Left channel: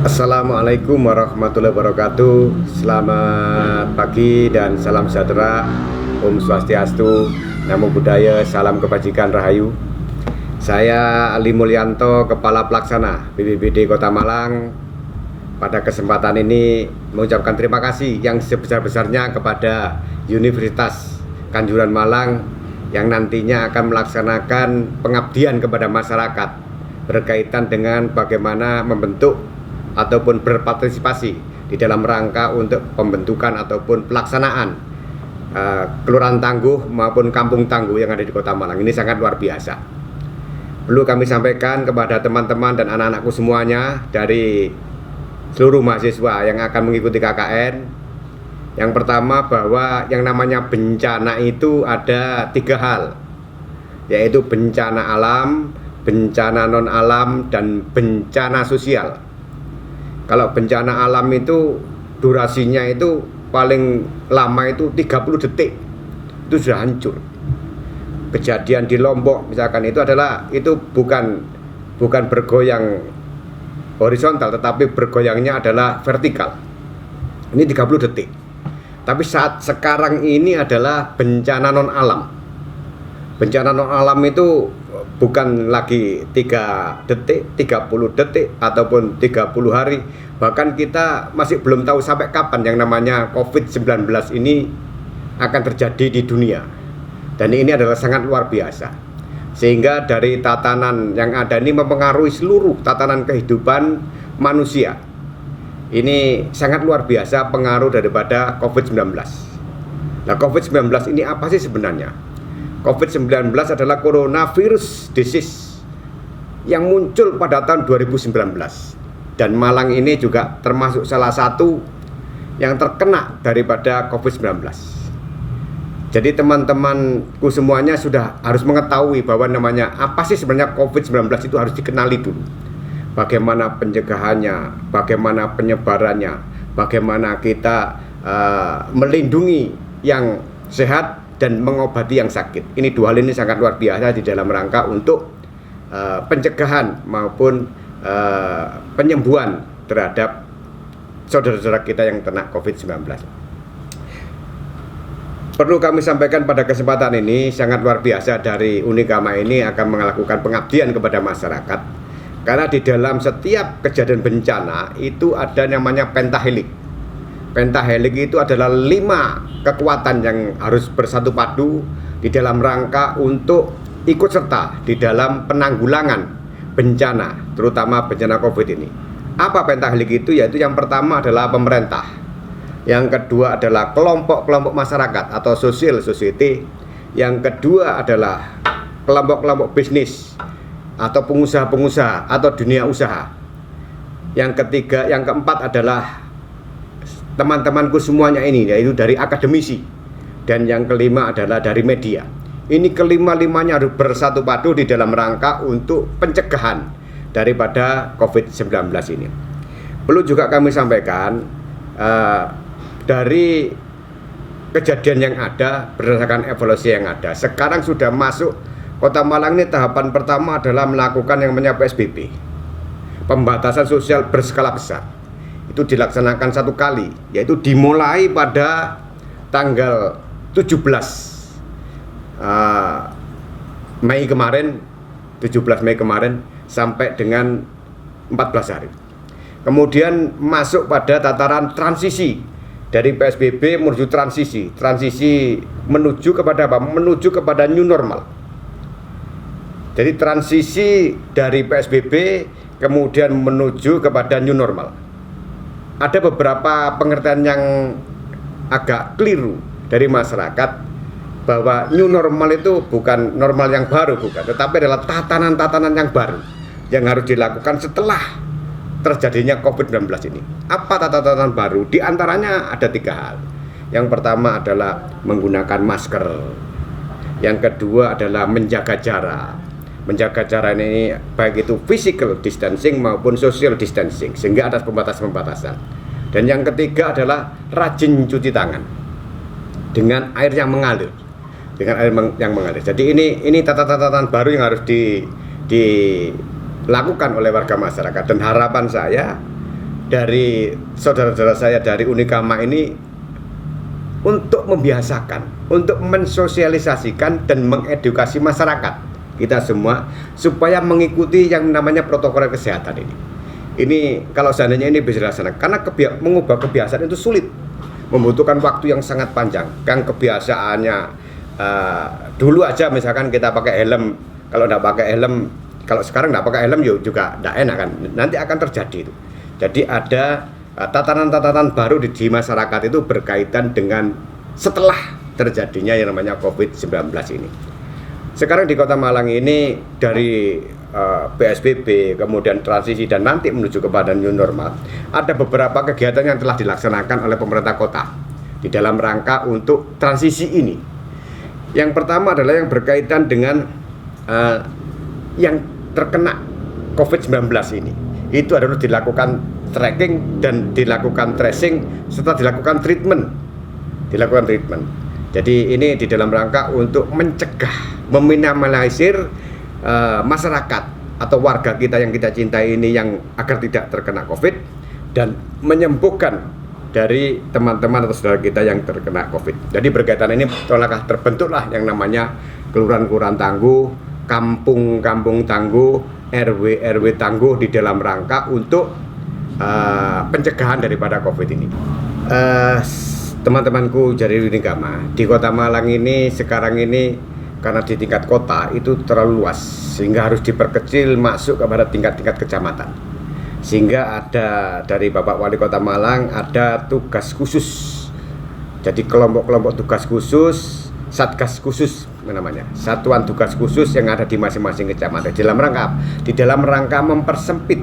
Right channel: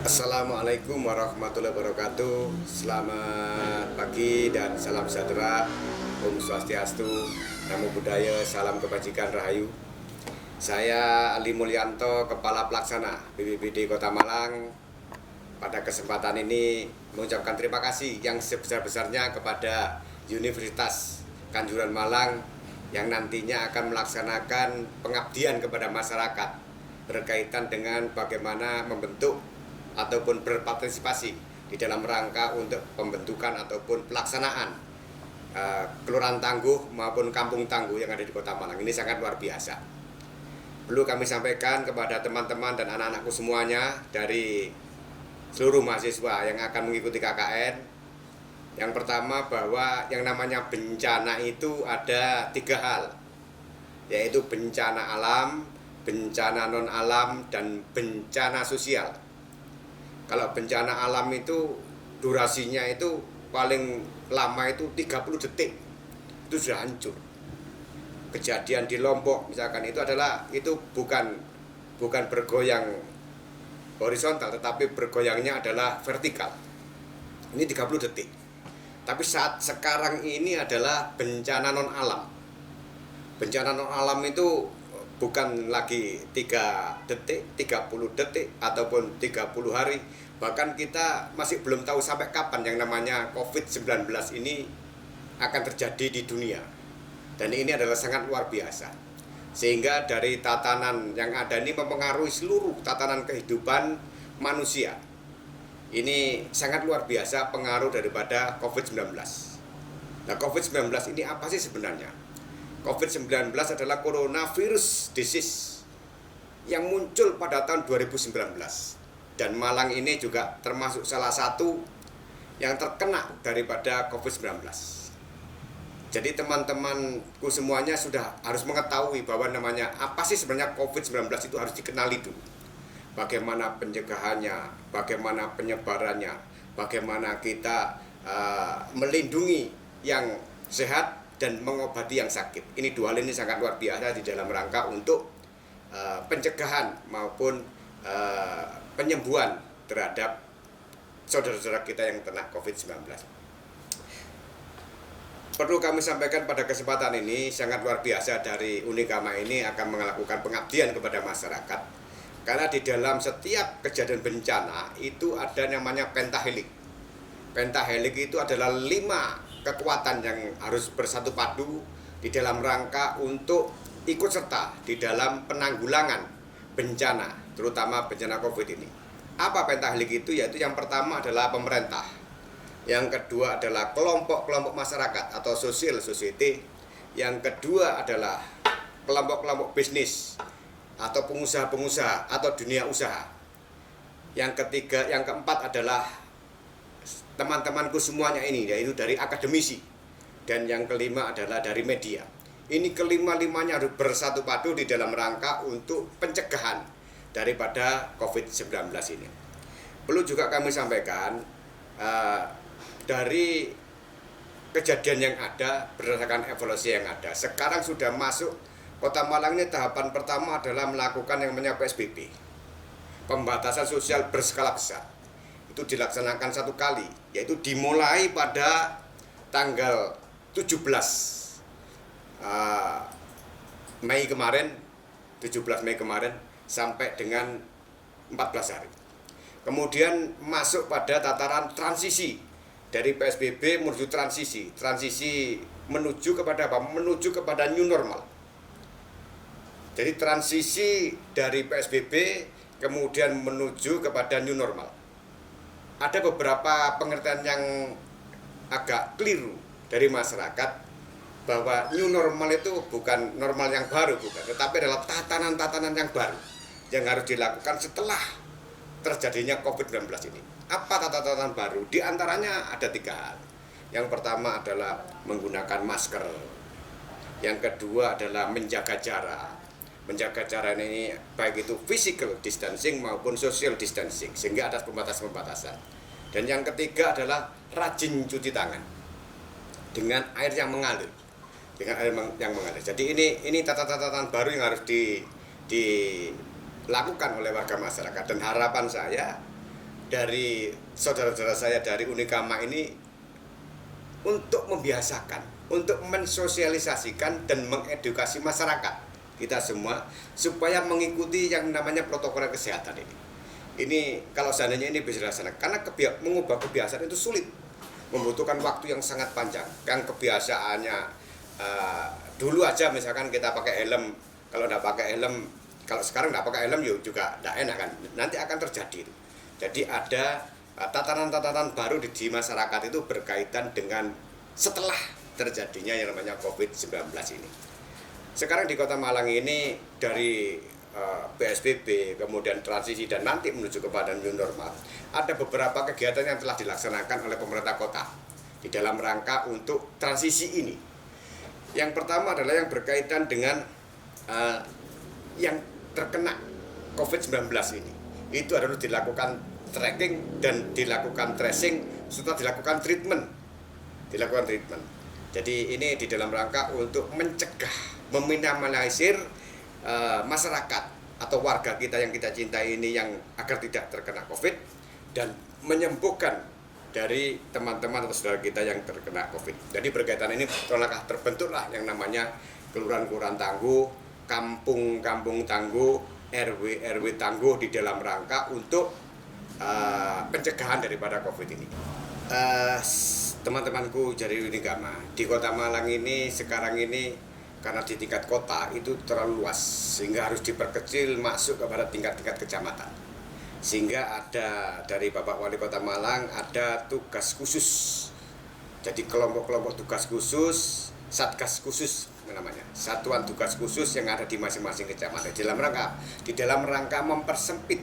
Assalamualaikum warahmatullahi wabarakatuh. Selamat pagi dan salam sejahtera. Om Swastiastu, Namo Buddhaya, salam kebajikan rahayu. Saya Ali Mulyanto, Kepala Pelaksana BPBD Kota Malang. Pada kesempatan ini mengucapkan terima kasih yang sebesar-besarnya kepada Universitas Kanjuruhan Malang yang nantinya akan melaksanakan pengabdian kepada masyarakat berkaitan dengan bagaimana membentuk ataupun berpartisipasi di dalam rangka untuk pembentukan ataupun pelaksanaan Kelurahan Tangguh maupun Kampung Tangguh yang ada di Kota Malang. Ini sangat luar biasa. Perlu kami sampaikan kepada teman-teman dan anak-anakku semuanya dari seluruh mahasiswa yang akan mengikuti KKN. Yang pertama, bahwa yang namanya bencana itu ada 3 hal, yaitu bencana alam, bencana non alam, dan bencana sosial. Kalau bencana alam itu durasinya itu paling lama itu 30 detik, itu sudah hancur. Kejadian di Lombok misalkan itu bukan bergoyang horizontal, tetapi bergoyangnya adalah vertikal. Ini 30 detik. Tapi saat sekarang ini adalah bencana non alam. Bencana non alam itu bukan lagi 3 detik, 30 detik, ataupun 30 hari. Bahkan kita masih belum tahu sampai kapan yang namanya COVID-19 ini akan terjadi di dunia. Dan ini adalah sangat luar biasa. Sehingga dari tatanan yang ada ini mempengaruhi seluruh tatanan kehidupan manusia. Ini sangat luar biasa pengaruh daripada COVID-19. Nah, COVID-19 ini apa sih sebenarnya? COVID-19 adalah coronavirus disease yang muncul pada tahun 2019. Dan Malang ini juga termasuk salah satu yang terkena daripada COVID-19. Jadi teman-temanku semuanya sudah harus mengetahui bahwa namanya apa sih sebenarnya COVID-19 itu harus dikenali dulu. Bagaimana pencegahannya, bagaimana penyebarannya, bagaimana kita melindungi yang sehat dan mengobati yang sakit. Ini 2 hal ini sangat luar biasa di dalam rangka untuk pencegahan maupun penyembuhan terhadap saudara-saudara kita yang kena COVID-19. Perlu kami sampaikan pada kesempatan ini, sangat luar biasa dari Unikama ini akan melakukan pengabdian kepada masyarakat. Karena di dalam setiap kejadian bencana itu ada namanya pentahelik. Pentahelik itu adalah 5 kekuatan yang harus bersatu padu di dalam rangka untuk ikut serta di dalam penanggulangan bencana, terutama bencana COVID ini. Apa pentahelik itu? Yaitu yang pertama adalah pemerintah, yang kedua adalah kelompok-kelompok masyarakat atau social society, yang kedua adalah kelompok-kelompok bisnis atau pengusaha-pengusaha atau dunia usaha, yang ketiga, yang keempat adalah teman-temanku semuanya ini, yaitu dari akademisi, dan yang kelima adalah dari media. Ini kelima-limanya harus bersatu padu di dalam rangka untuk pencegahan daripada COVID-19 ini. Perlu juga kami sampaikan dari kejadian yang ada, berdasarkan evaluasi yang ada, sekarang sudah masuk Kota Malang ini tahapan pertama adalah melakukan yang namanya PSBB, pembatasan sosial berskala besar. Itu dilaksanakan 1 kali, yaitu dimulai pada tanggal 17 Mei kemarin, 17 Mei kemarin sampai dengan 14 hari. Kemudian masuk pada tataran transisi dari PSBB menuju transisi menuju kepada apa? Menuju kepada new normal. Jadi transisi dari PSBB kemudian menuju kepada new normal. Ada beberapa pengertian yang agak keliru dari masyarakat bahwa new normal itu bukan normal yang baru, bukan, tetapi adalah tatanan-tatanan yang baru yang harus dilakukan setelah terjadinya COVID-19 ini. Apa tatanan baru? Di antaranya ada 3 hal. Yang pertama adalah menggunakan masker. Yang kedua adalah menjaga jarak. Menjaga jarak ini baik itu physical distancing maupun social distancing, sehingga ada pembatasan-pembatasan. Dan yang ketiga adalah rajin cuci tangan dengan air yang mengalir. Jadi ini tatanan baru yang harus dilakukan oleh warga masyarakat. Dan harapan saya dari saudara-saudara saya dari Unikama ini untuk membiasakan, untuk mensosialisasikan dan mengedukasi masyarakat kita semua supaya mengikuti yang namanya protokol kesehatan ini. Ini kalau seandainya ini bisa dilaksanakan, karena mengubah kebiasaan itu sulit, membutuhkan waktu yang sangat panjang. Kan kebiasaannya dulu aja misalkan kita pakai helm, kalau nggak pakai helm, kalau sekarang nggak pakai helm juga nggak enak kan, nanti akan terjadi itu. Jadi ada tatanan-tatanan baru di masyarakat itu berkaitan dengan setelah terjadinya yang namanya COVID-19 ini. Sekarang di Kota Malang ini dari PSBB, kemudian transisi dan nanti menuju kepada new normal, ada beberapa kegiatan yang telah dilaksanakan oleh pemerintah kota di dalam rangka untuk transisi ini. Yang pertama adalah yang berkaitan dengan yang terkena COVID-19 ini. Itu adalah dilakukan tracking dan dilakukan tracing serta dilakukan treatment. Jadi ini di dalam rangka untuk mencegah, meminimalisir masyarakat atau warga kita yang kita cintai ini yang agar tidak terkena COVID dan menyembuhkan dari teman-teman atau saudara kita yang terkena COVID. Jadi berkaitan ini terbentuklah yang namanya kelurahan-kelurahan tangguh, kampung-kampung tangguh, RW tangguh di dalam rangka untuk pencegahan daripada COVID ini. Teman-temanku dari Unikama di Kota Malang ini sekarang ini karena di tingkat kota itu terlalu luas sehingga harus diperkecil masuk kepada tingkat-tingkat kecamatan. Sehingga ada dari Bapak Wali Kota Malang ada tugas khusus. Jadi kelompok-kelompok tugas khusus, satgas khusus namanya, satuan tugas khusus yang ada di masing-masing kecamatan di dalam rangka mempersempit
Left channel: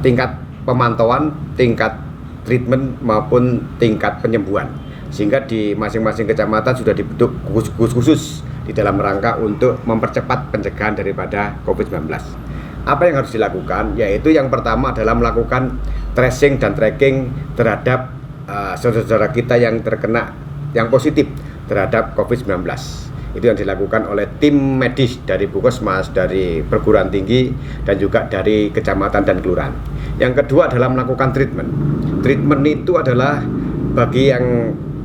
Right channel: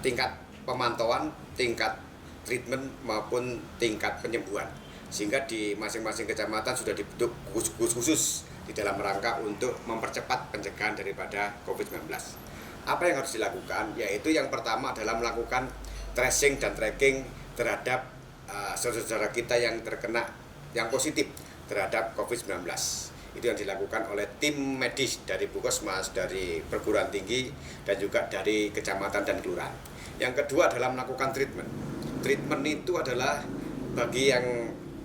tingkat pemantauan, tingkat treatment maupun tingkat penyembuhan. Sehingga di masing-masing kecamatan sudah dibentuk gugus khusus di dalam rangka untuk mempercepat pencegahan daripada COVID-19. Apa yang harus dilakukan? Yaitu yang pertama adalah melakukan tracing dan tracking terhadap saudara-saudara kita yang terkena, yang positif terhadap COVID-19. Itu yang dilakukan oleh tim medis dari Puskesmas, dari perguruan tinggi, dan juga dari kecamatan dan kelurahan. Yang kedua adalah melakukan treatment. Treatment itu adalah bagi yang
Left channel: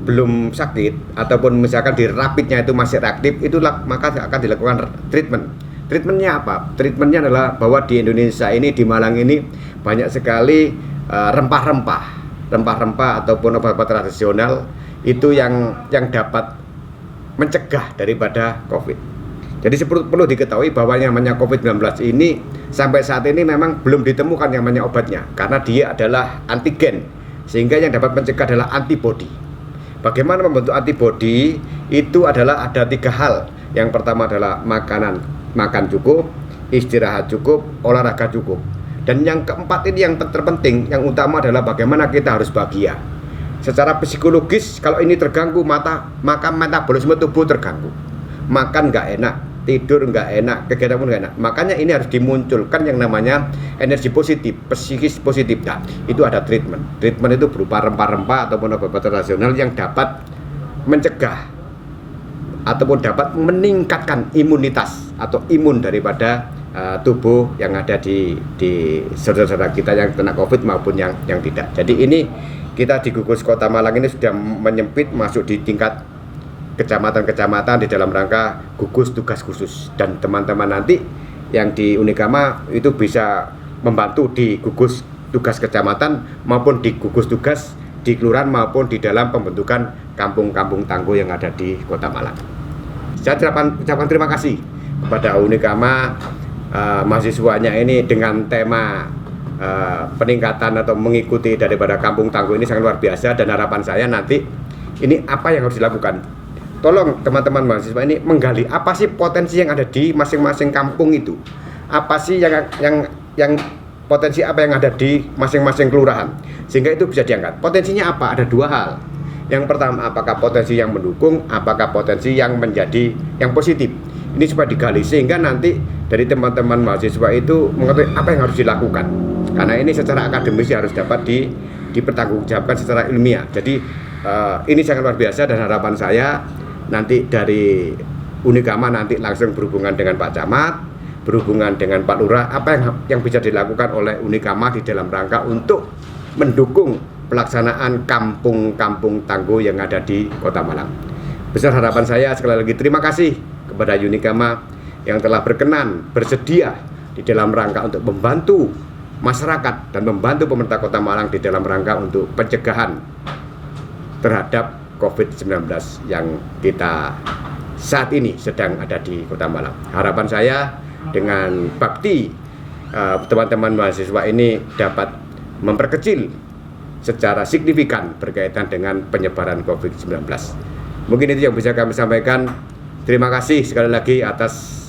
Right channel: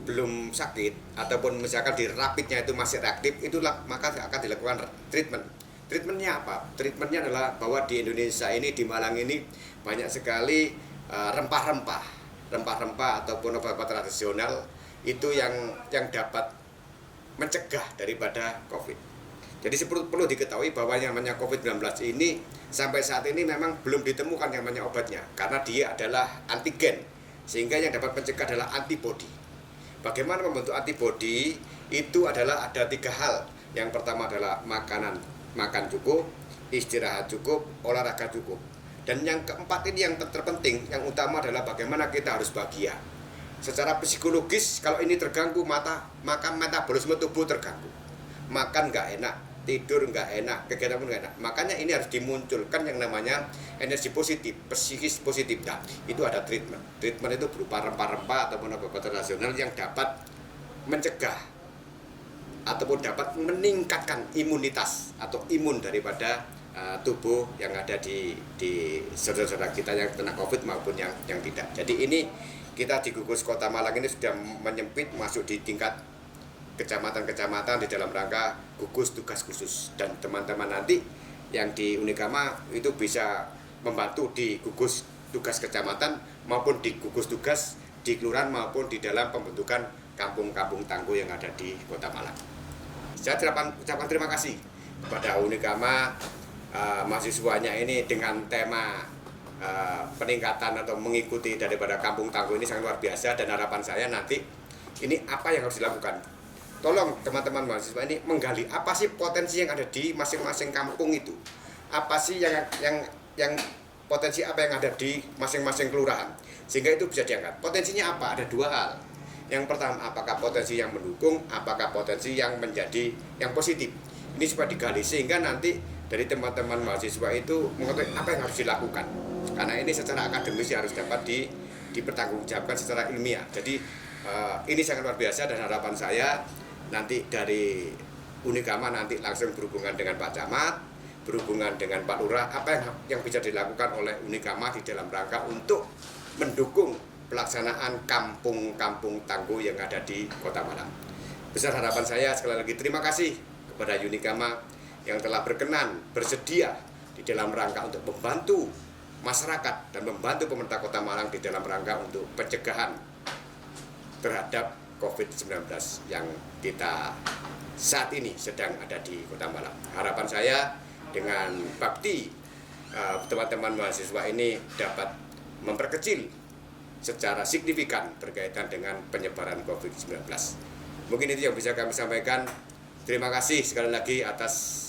belum sakit ataupun misalkan di rapidnya itu masih reaktif, itulah maka akan dilakukan treatment. Treatmentnya apa? Treatmentnya adalah bahwa di Indonesia ini, di Malang ini banyak sekali rempah-rempah ataupun obat-obat tradisional itu yang dapat mencegah daripada COVID. Jadi perlu diketahui bahwa yang namanya COVID-19 ini sampai saat ini memang belum ditemukan yang namanya obatnya karena dia adalah antigen, sehingga yang dapat mencegah adalah antibodi. Bagaimana membentuk antibodi? Itu adalah ada 3 hal. Yang pertama adalah makan cukup, istirahat cukup, olahraga cukup. Dan yang keempat ini yang terpenting, yang utama adalah bagaimana kita harus bahagia. Secara psikologis kalau ini terganggu maka metabolisme tubuh terganggu. Makan nggak enak, tidur nggak enak, kegiatan pun nggak enak. Makanya ini harus dimunculkan yang namanya energi positif, psikis positif. Nah, itu ada treatment. Treatment itu berupa rempah-rempah ataupun obat tradisional yang dapat mencegah ataupun dapat meningkatkan imunitas atau imun daripada tubuh yang ada di saudara-saudara kita yang kena COVID maupun yang tidak. Jadi ini kita di gugus Kota Malang ini sudah menyempit masuk di tingkat kecamatan-kecamatan di dalam rangka gugus tugas khusus, dan teman-teman nanti yang di Unikama itu bisa membantu di gugus tugas kecamatan maupun di gugus tugas di kelurahan maupun di dalam pembentukan kampung-kampung tangguh yang ada di Kota Malang. Saya ucapkan terima kasih kepada Unikama mahasiswanya ini dengan tema peningkatan atau mengikuti daripada kampung tangguh ini sangat luar biasa, dan harapan saya nanti ini apa yang harus dilakukan. Tolong teman-teman mahasiswa ini menggali apa sih potensi yang ada di masing-masing kampung itu. Apa sih yang potensi apa yang ada di masing-masing kelurahan. Sehingga itu bisa diangkat. Potensinya apa? Ada 2 hal. Yang pertama, apakah potensi yang mendukung, apakah potensi yang menjadi yang positif. Ini supaya digali sehingga nanti dari teman-teman mahasiswa itu mengetahui apa yang harus dilakukan. Karena ini secara akademis harus dapat dipertanggungjawabkan secara ilmiah. Jadi ini sangat luar biasa, dan harapan saya nanti dari Unikama nanti langsung berhubungan dengan Pak Camat, berhubungan dengan Pak Lurah, apa yang bisa dilakukan oleh Unikama di dalam rangka untuk mendukung pelaksanaan kampung-kampung tangguh yang ada di Kota Malang. Besar harapan saya sekali lagi terima kasih kepada Unikama yang telah berkenan bersedia di dalam rangka untuk membantu masyarakat dan membantu pemerintah Kota Malang di dalam rangka untuk pencegahan terhadap COVID-19 yang kita saat ini sedang ada di Kota Malang. Harapan saya dengan bakti teman-teman mahasiswa ini dapat memperkecil secara signifikan berkaitan dengan penyebaran COVID-19. Mungkin itu yang bisa kami sampaikan. Terima kasih sekali lagi atas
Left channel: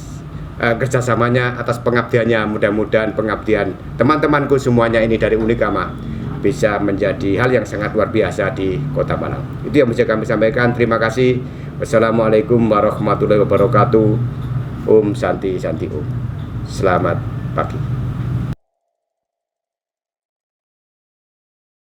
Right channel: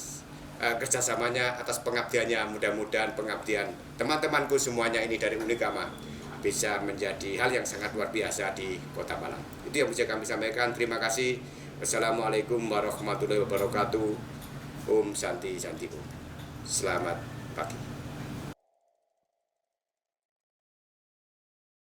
kerjasamanya, atas pengabdiannya. Mudah-mudahan pengabdian teman-temanku semuanya ini dari Unikama bisa menjadi hal yang sangat luar biasa di Kota Malang. Itu yang bisa kami sampaikan. Terima kasih. Wassalamualaikum warahmatullahi wabarakatuh. Om Santi Santi Om. Selamat pagi.